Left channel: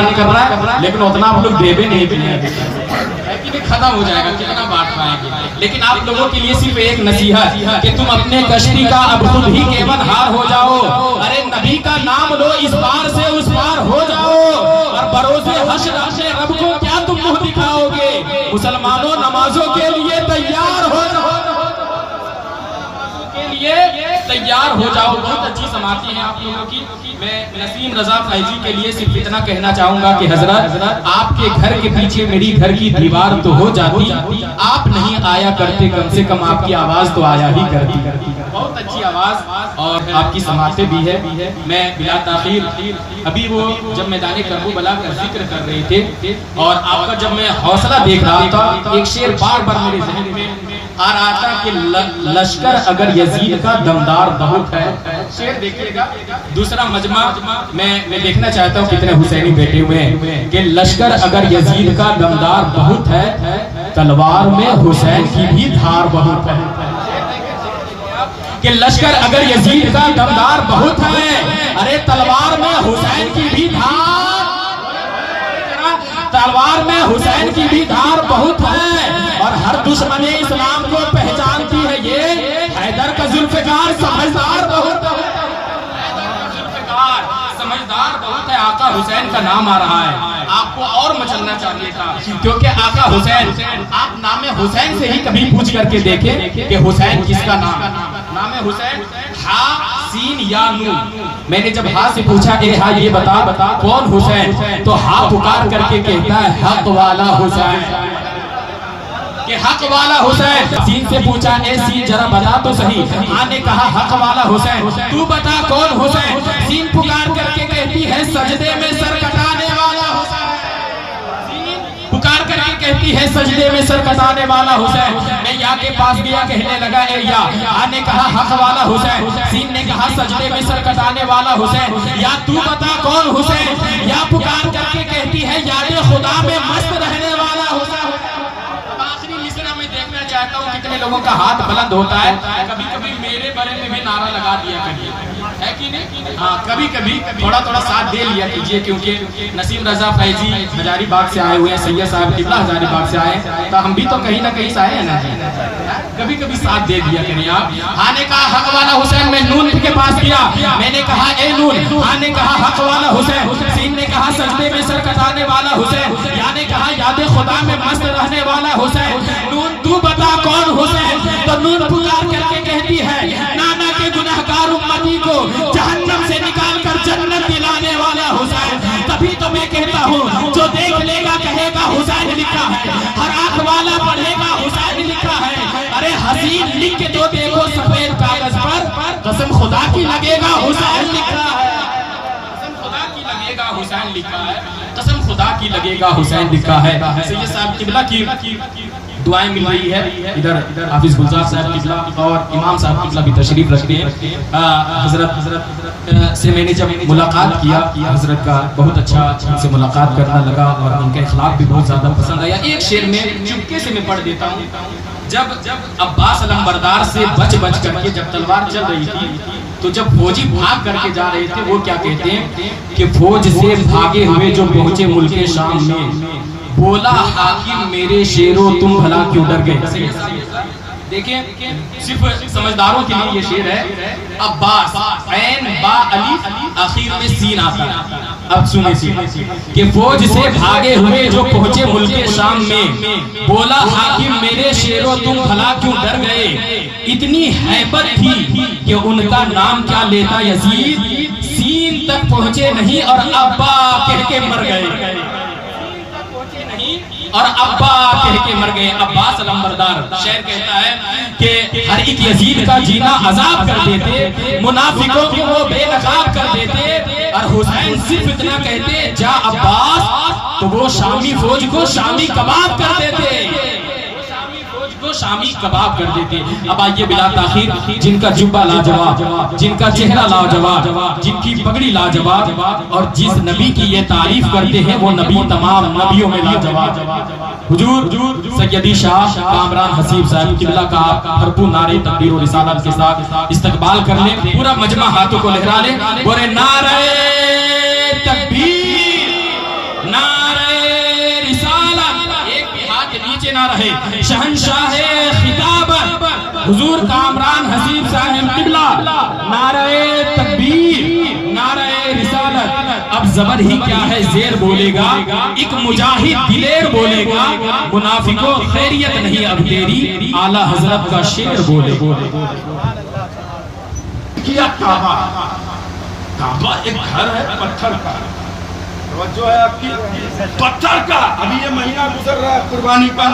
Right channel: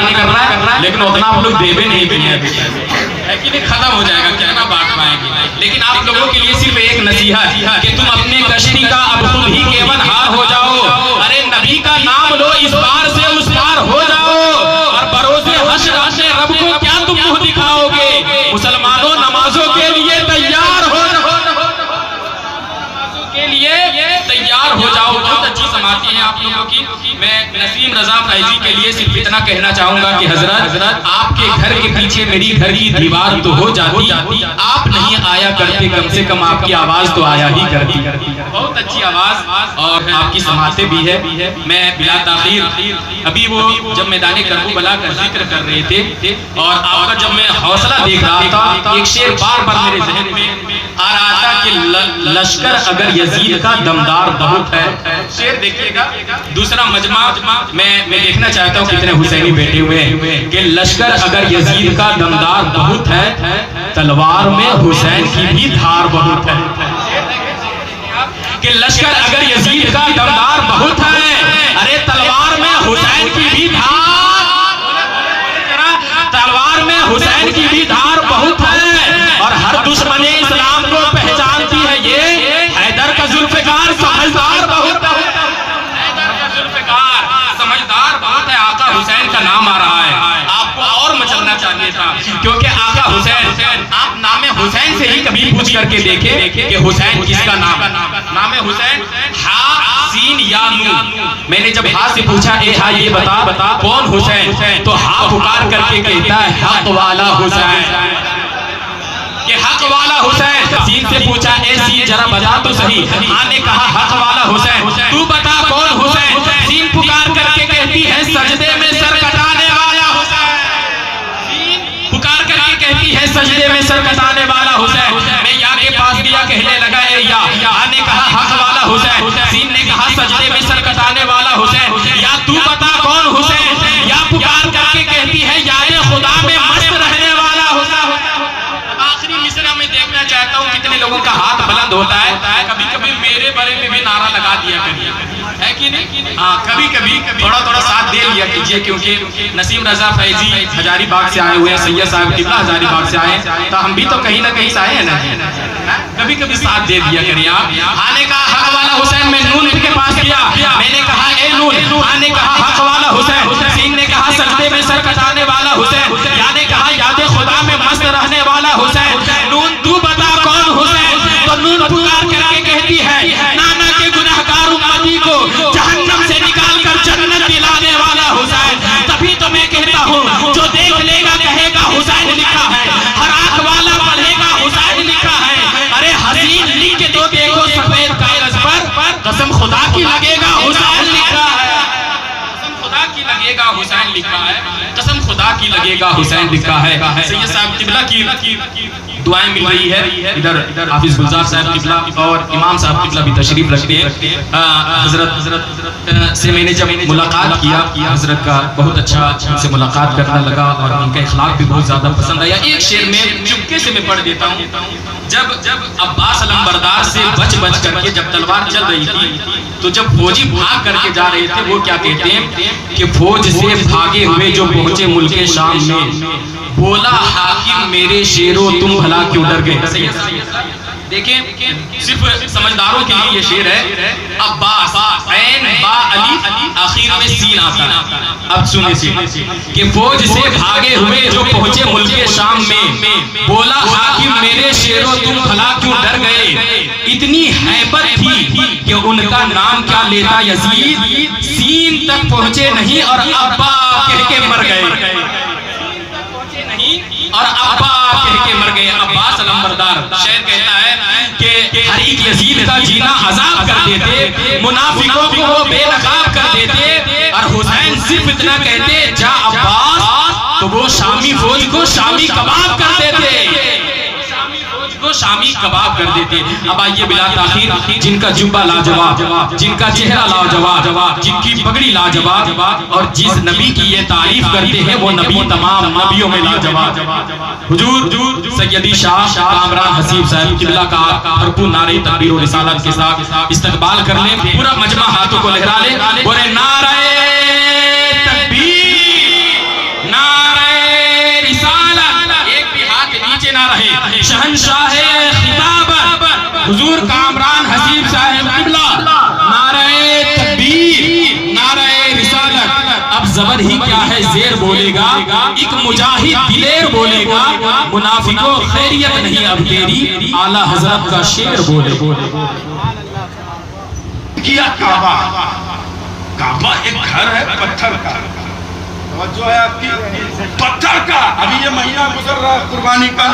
نفع نہیں کر رہا ہے، لیکن اتنا آپ لوگ دے بھی نہیں دنیا ہے کہ نہیں، ختم ہو جائے گا، کتنا بانٹ پائیں گے. لیکن آپ لوگوں کے لیے صرف ایک نصیحت کہ تم اپنے کشتی کا اب خود ہی کیون ہار ہو جاؤ. ارے نبی کا نام لو، اس بار سے اس بار ہو جاؤ، اور بروز حشر اپنے رب کو کیا تم منہ دکھاؤ گے. مسلمانوں نمازوں کے لیے تیار ہو جاؤ، کے لیے تیار ہو جاؤ. بہت اچھی سماعتیں ہیں آپ لوگوں کی. میں نسیم رضا فیضی کے لیے صرف اتنا کہنا چاہوں گا کہ حضرت آپ کے گھر کے پیچھے میری گھر کی دیوار تو ہو جاتی، آپ نہیں آیا کرتے، کم سے کم آپ کی آواز تو آیا ہی کرتی. بہت اچھی آواز اور آپ کی سماعتیں بھی ہے. میں بلا تاخیر ابھی وہ جب میدان کربلا کا ذکر کر رہے تھے اور آپ کا جب میں حوصلہ دیکھ رہا تھا، ایک شعر بار بار میرے ذہن میں آ رہا تھا کہ لشکر اگر یزید کا دمدار بہت ہے. شعر دیکھیے گا. دوسرا مجمع میں دیکھنا چاہتا ہوں کتنے حسینی بیٹھے ہوئے ہیں کہ لشکر اگر یزید کا دمدار بہت ہے، تلوار میں حسین کی بھی دھار بہت ہے. کہ لشکر اگر یزید کا دمدار بہت ہے، ارے تلوار میں حسین کی بھی دھار، تلوار میں حسین کی بھی دھار بہت ہے. اور ہر دشمن اسلام کو پہچانتی ہے یہ حیدر کا ذوالفقار سمجھدار بہت ہے. حیدر کا ذوالفقار سمجھدار بہت ہے. آقا حسین کا نام آ رہا ہے، آپ کو اور مچلنا چاہیے تھا، کیونکہ آقا حسین، آپ نام حسین سے ہی کبھی پوچھ کر کے دیکھیں کہ حسین کس کا نام. نام حسین ہا سین یا نون. میں نے جب ہا سے پوچھا اے ہا یہ بتا کون حسین، تو ہا پکار کر کے کہتا ہے حق والا حسین، کہ حق والا حسین. سین سے پوچھا اے سین ذرا بتا تو صحیح، ہاں نے کہا حق والا حسین. تو بتا کون حسین. سین پکار کر کے کہتی ہے سجدے میں سر کٹانے والا حسین. سین پکار کر کے کہتی ہے سجدے میں سر کٹانے والا حسین. میں یا کے پاس گیا کہنے لگا اے یا، ہاں نے کہا حق والا حسین. سین نے کہا سجدے میں سر کٹانے والا حسین. یا تو بتا کون حسین. یا پکار کر کے کہتی ہے یاد خدا میں مست رہنے والا حسین. آخری مصرع میں دیکھنا چاہتا ہوں کتنے لوگوں کا ہاتھ بلند ہوتا ہے. کبھی کبھی میرے بارے میں بھی نعرہ لگا دیا کریے، ہے کہ نہیں؟ ہاں کبھی کبھی تھوڑا ساتھ دے لیا کیجئے، کیونکہ نسیم رضا فیضی ہزاری باغ سے آئے ہوئے ہیں، سید صاحب قبلہ ہزاری باغ سے آئے ہیں، تو ہم بھی تو کہیں نہ کہیں سے آئے ہیں نا. کبھی کبھی ساتھ دے دیا کریے آپ. ہاں نے کہا حق والا حسین. میں نون کے پاس گیا، میں نے کہا اے نون. ہاں نے کہا حق والا حسین. سین نے کہا سجدے میں سر کٹانے والا حسین. یا نے کہا یاد خدا میں مست رہنے والا حسین. نون تو بتا کون حسین. تو نون پکار کر کے کہتی ہے نانا کے گنہگار امتی کو جہنم سے نکال کر جنت دلانے والا حسین. تبھی تو میں کہتا ہوں جو دیکھ لے گا کہے گا حسین لکھا ہے، ہر آنکھ والا پڑھے گا حسین لکھا ہے. ارے حسین لکھ کے تو دیکھو سفید کاغذ پر، قسم خدا کی لگے گا حسین لکھا ہے. قسم خدا کی لگے گا حسین لکھا ہے. قسم خدا کی لگے گا حسین لکھا ہے. سید صاحب قبلہ کی دعائیں مل رہی ہے. ادھر حافظ گلزار صاحب قبلہ اور امام صاحب قبلہ بھی تشریف رکھتے ہیں. حضرت سے میں نے جب ملاقات کیا، حضرت کا بہت اچھا ان سے ملاقات کرنا لگا اور ان کا اخلاق بھی بہت زیادہ پسند آیا. ایک شعر میں چپکے سے میں پڑھ دیتا ہوں. جب عباس علمبردار سے بچ کر کے جب تلوار چل رہی تھی، تو جب فوجی بھاگ کر کے جا رہے تھے، وہ کیا کہتے ہیں کہ فوج سے بھاگے ہوئے جو پہنچے ملک شام میں، بولا حاکم میرے شیرو تم بھلا کیوں ڈر گئے. دیکھیں صرف سمجھداروں کے لیے یہ شعر ہے. عباس عین با علی آخر میں سین آتا ہے. اب سنیں کہ فوج سے بھاگے ہوئے جو پہنچے ملک شام میں، بولا حاکم میرے شیرو تم بھلا کیوں ڈر گئے. اتنی ہیبت تھی کہ ان کا نام کیا لیتا یزید، سین تک پہنچے نہیں اور ابا کہہ کے مر گئے. اور ابا کہہ کے مر گئے. عباس علمبردار شعر کہتا ہے کہ ہر ایک یزید کا جینا عذاب کر دیتے، منافقوں کو وہ بے نقاب کر دیتے، اور حسین صرف اتنا کہتے جا عباس، تو وہ شامی فوج کو شامی کباب کر دیتے. شامی کباب کر دیتے. اب آئیے بلا تاخیر جن کا جبہ لاجواب، جن کا چہرہ لاجواب، جن کی پگڑی لاجواب، اور جس نبی کی یہ تعریف کرتے ہیں وہ نبی تمام نبیوں میں لاجواب. حضور سیدی شاہ کامران حسیب صاحب قبلہ کا بھرپور نعرہ تکبیر و رسالت کے ساتھ استقبال کر لیں. پورا مجمع ہاتھوں کو لہرا لیں. بولے نعرہ تکبیر، نہ رہے. شہنشاہ خطاب حضور کامران حسیب صاحب قبلہ، نعرہ تکبیر، نعرہ رسالت. اب زبر ہی کیا ہے زیر بولے گا، ایک مجاہد دلیر بولے گا، منافقوں خیریت نہیں اب تیری، اعلیٰ حضرت کا شعر بولے. کیا کعبہ، کعبہ ایک گھر ہے پتھر کا، توجہ ہے آپ کی، پتھر کا. ابھی یہ مہینہ گزر رہا ہے قربانی کا،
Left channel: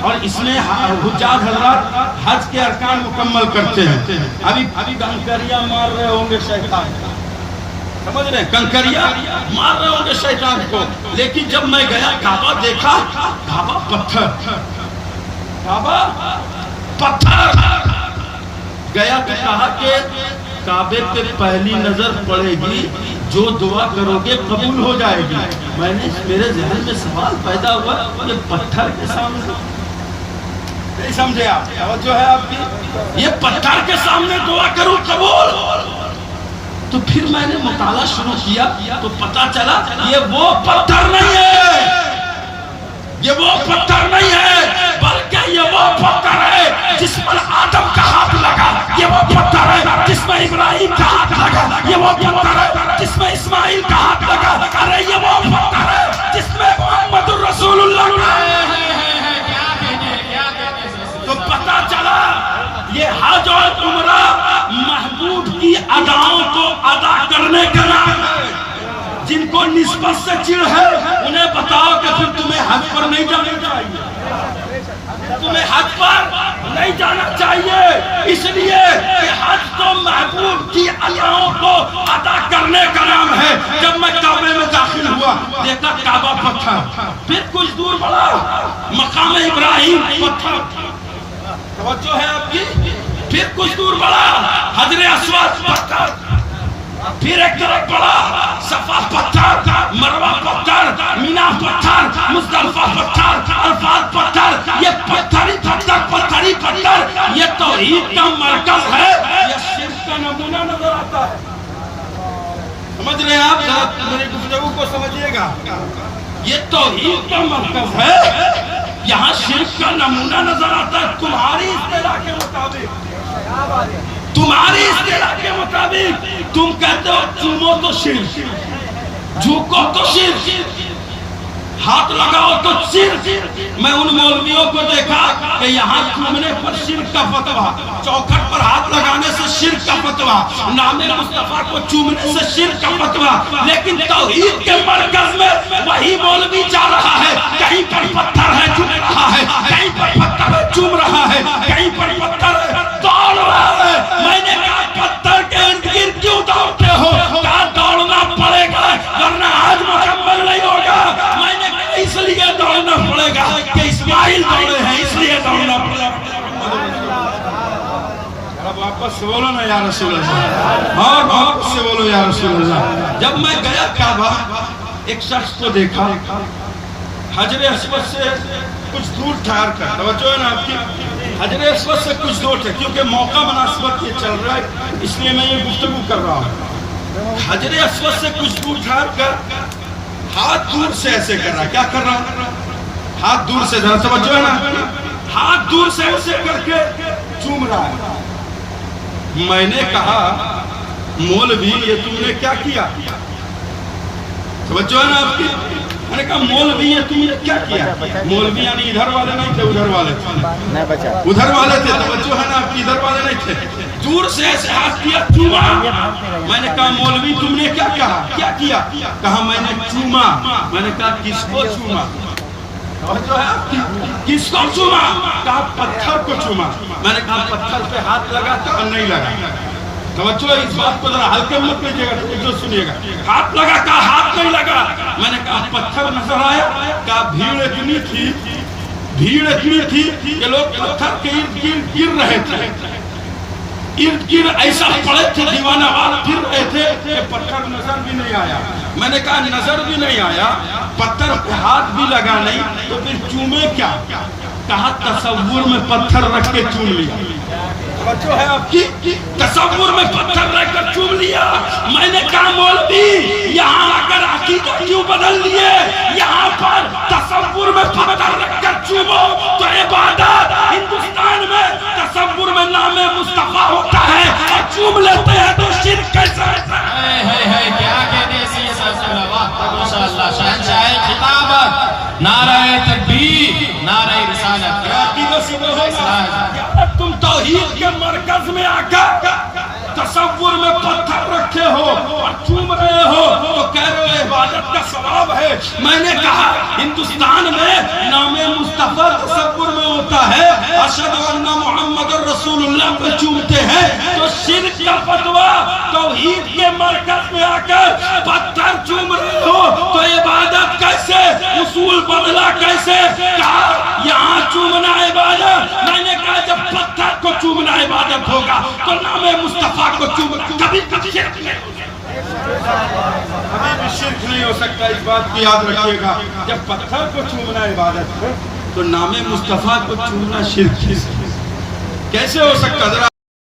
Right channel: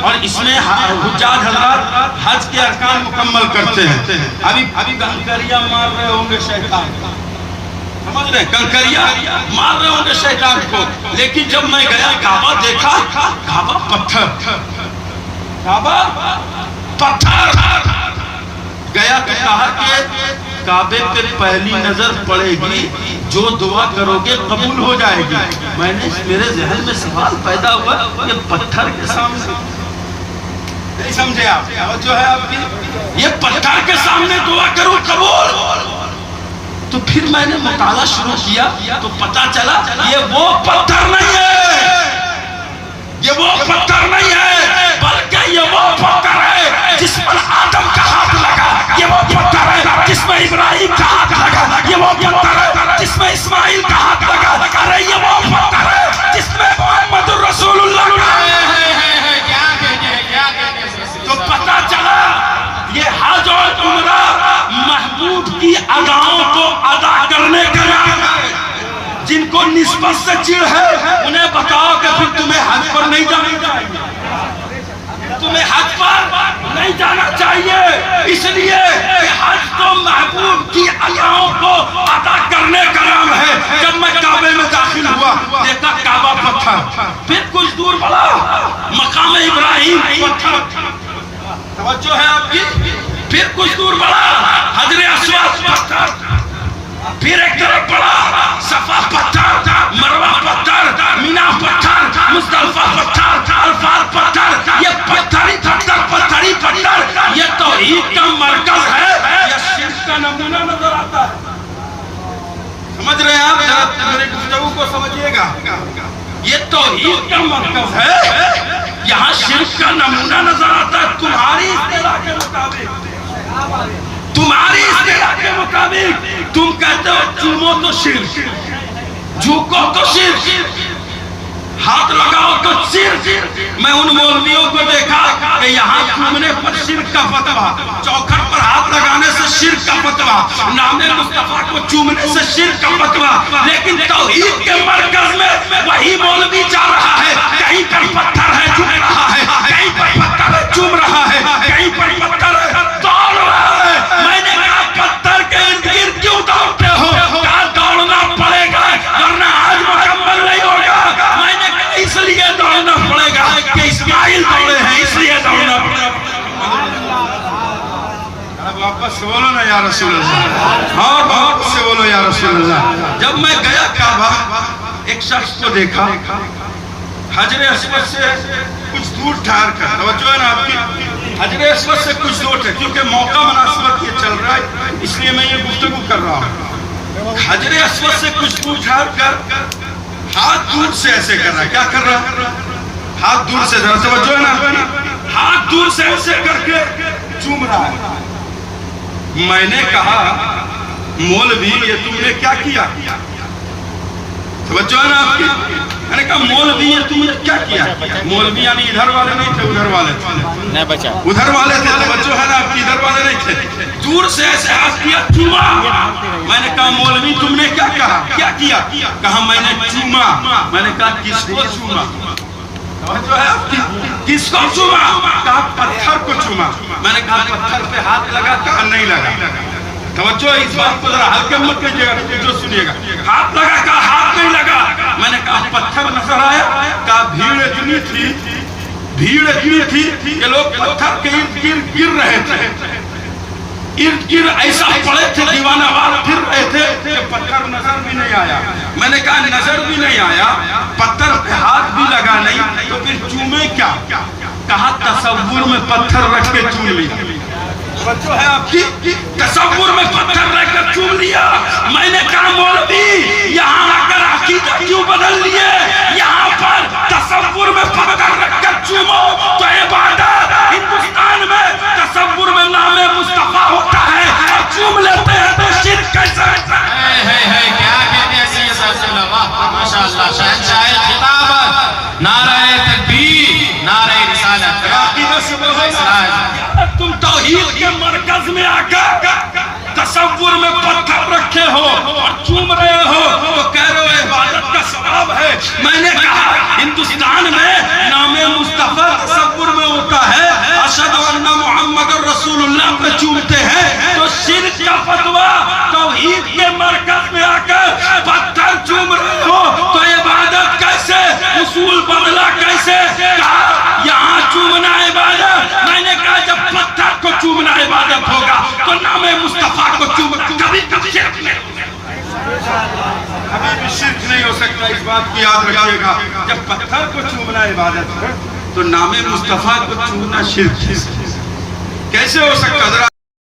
اور اس میں حجاج حضرات حج کے ارکان مکمل کرتے ہیں. ابھی کنکریاں مار رہے ہوں گے شیطان، سمجھ رہے ہیں، کنکریاں مار رہے ہوں گے شیطان کو. لیکن جب میں گیا کعبہ دیکھا، کعبہ پتھر، کعبہ پتھر. گیا تو کہا کہ کعبے پہ پہلی نظر پڑے گی، جو دعا کرو گے قبول ہو جائے گی. میں نے میرے ذہن میں سوال پیدا ہوا، یہ پتھر کے سامنے، نہیں سمجھے آپ، جو ہے آپ کی، یہ پتھر کے سامنے دعا کروں قبول. تو پھر میں نے مطالعہ شروع کیا تو پتا چلا یہ وہ پتھر نہیں ہے، یہ وہ پتھر نہیں ہے، بلکہ یہ وہ پتھر ہے جس پر آدم کا ہاتھ لگا. یہ وہ پتھر ہے جس میں ابراہیم کا ہاتھ لگا. یہ وہ پتھر ہے جس میں اسماعیل کا ہاتھ لگا. ارے یہ وہ پتھر ہے جس میں محمد رسول اللہ کا تو پتا چلا یہ حج اور عمرہ محبوب کی اداؤں کو ادا کرنے کا نام ہے. جن کو نسبت سے چڑ ہے انہیں بتاؤ کہ پھر تمہیں حج پر نہیں جانا چاہیے، تمہیں حج پر نہیں جانا چاہیے، اس لیے کہ حج تو محبوب کی اداؤں کو ادا کرنے کا نام ہے. جب میں کعبے میں داخل ہوا دیکھا کعبہ پتھر، پھر کچھ دور بڑھا مقام ابراہیم پتھر، توجہ ہے آپ کی، پھر کچھ دور بڑھا حجر اسود پتھر، پھر ایک طرف بڑھا صفا پتھر، مروہ پتھر، مینا پتھر، مزدلفہ پتھر، عرفات پتھر. یہ پتھر ہی پتھر، پتھر ہی پتھر. یہ توحید کا مرکز ہے، یہ شرک کا نمونہ نظر آتا ہے. سمجھ رہے ہیں آپ؟ ذرا میری گفتگو کو سمجھیے گا. یہ توحید کا مرکز ہے، یہاں شرک کا نمونہ نظر آتا ہے. تمہاری اصطلاح کے مطابق، تمہاری اصطلاح کے مطابق تم کہتے ہو چومو تو شرک، جھکو تو شرک، ہاتھ لگاؤ تو شرک. میں ان مولویوں کو دیکھا کہ یہاں چومنے پر شرک کا فتویٰ، چوکھٹ پر ہاتھ لگانے سے شرک کا فتویٰ، نام مصطفیٰ کو چومنے سے شرک کا فتویٰ. لیکن توحید کے مرکز میں وہی مولوی جا رہا ہے، کہیں پر پتھر ہے جھک رہا ہے، کہیں پر پتھر ہے چوم رہا ہے، کہیں پر پتھر ہے دوڑ رہا ہے. میں نے کہا پتھر کے ارد گرد کیوں دوڑتے ہو؟ کہا دوڑنا پڑے گا ورنہ آج مکمل نہیں ہوگا. میں نے کہا اس لیے دوڑنا پڑے گا کہ اسماعیل دوڑے ہیں، اس لیے دوڑنا پڑے گا. واپس سے بولو نا یا رسول اللہ، اور واپس سے بولو یا رسول اللہ. جب میں گیا کعبہ ایک شخص کو دیکھا حجر اسود سے کچھ دور ٹھہر کر، توجہ ہے نا آپ کی، حجر اسود سے کچھ دور ٹھہر، کیونکہ موقع مناسبت یہ چل رہا ہے اس لیے میں یہ گفتگو کر رہا ہوں. حجر اسود سے کچھ دور ٹھہر کر ہاتھ دور سے ایسے کر رہا ہے. کیا کر رہا ہے؟ ہاتھ دور سے، ذرا توجہ ہے نا، ہاتھ دور سے ایسے کر کے چوم رہا ہے. میں نے کہا مولوی یہ تم نے کیا کیا؟ توجہ ہے نا آپ کی. میں نے کہا مولوی یہ تم نے کیا کیا؟ مولوی یعنی ادھر والے نہیں تھے، ادھر والے تھے، ادھر والے تھے. توجہ ہے نا آپ کی، ادھر والے نہیں تھے. دور سے ایسے ہاتھ کیا، چوما. میں نے کہا مولوی تم نے کیا کہا؟ کیا کیا؟ کہا میں نے چوما. میں نے کہا کس کو چوما؟ توجہ ہے آپ کی، کس کو چوما؟ کہا پتھر کو چوما. میں نے کہا پتھر پہ ہاتھ لگا؟ کہا نہیں لگا. توجہ اس بات کو ذرا ہلکے مت کیجیے گا، جو سنیے گا. ہاتھ لگا؟ کہا ہاتھ نہیں لگا. میں نے کہا پتھر نظر آیا؟ کہا بھیڑ اتنی تھی، بھیڑ اتنی تھی کہ لوگ پتھر کے ارد گرد گر رہے تھے، ارد گرد ایسا پڑے تھے، دیوانہ وار پھر رہے تھے کہ پتھر نظر بھی نہیں آیا. میں نے کہا نظر بھی نہیں آیا، پتھر پہ ہاتھ بھی لگا نہیں، تو پھر چومے کیا؟ کہا تصور میں پتھر رکھ کے چوم لیا. بچو ہے آپ کی، تصور میں پتھر رکھ کر چوم لیا. میں نے کہا مولوی یہاں اگر عقیدہ کیوں بدل لیے؟ یہاں پر تصور میں پتھر رکھ کر چومو تو اللہ شہنشاہ خطابت، نعرہ تکبیر، نعرہ رسالت۔ تم توحید کے مرکز میں آ کر تصور میں پتھر رکھے ہو اور چوم رہے ہو تو کہہ رہے ہو عبادت کا ثواب ہے۔ میں نے کہا ہندوستان میں نام مصطفیٰ تصور میں ہوتا ہے، اشہد ان محمد رسول اللہ پہ چومتے ہیں، تو شرک کا فتویٰ توحید کے مرکز میں آ کر پتھر چوم رہے ہو تو عبادت کیسے، اصول بدلا کیسے؟ کہا یہاں چومنا عبادت۔ میں نے کہا جب پتھر کو چومنا عبادت ہوگا تو نام مصطفیٰ کو چومنا کبھی کبھی شرک نہیں ہو سکتا، کبھی بھی شرک نہیں ہو سکتا۔ اس بات کو یاد رکھیے گا، جب پتھر کو چومنا عبادت ہے تو نام مصطفیٰ کو چومنا شرک کیسے ہو سکتا؟ ذرا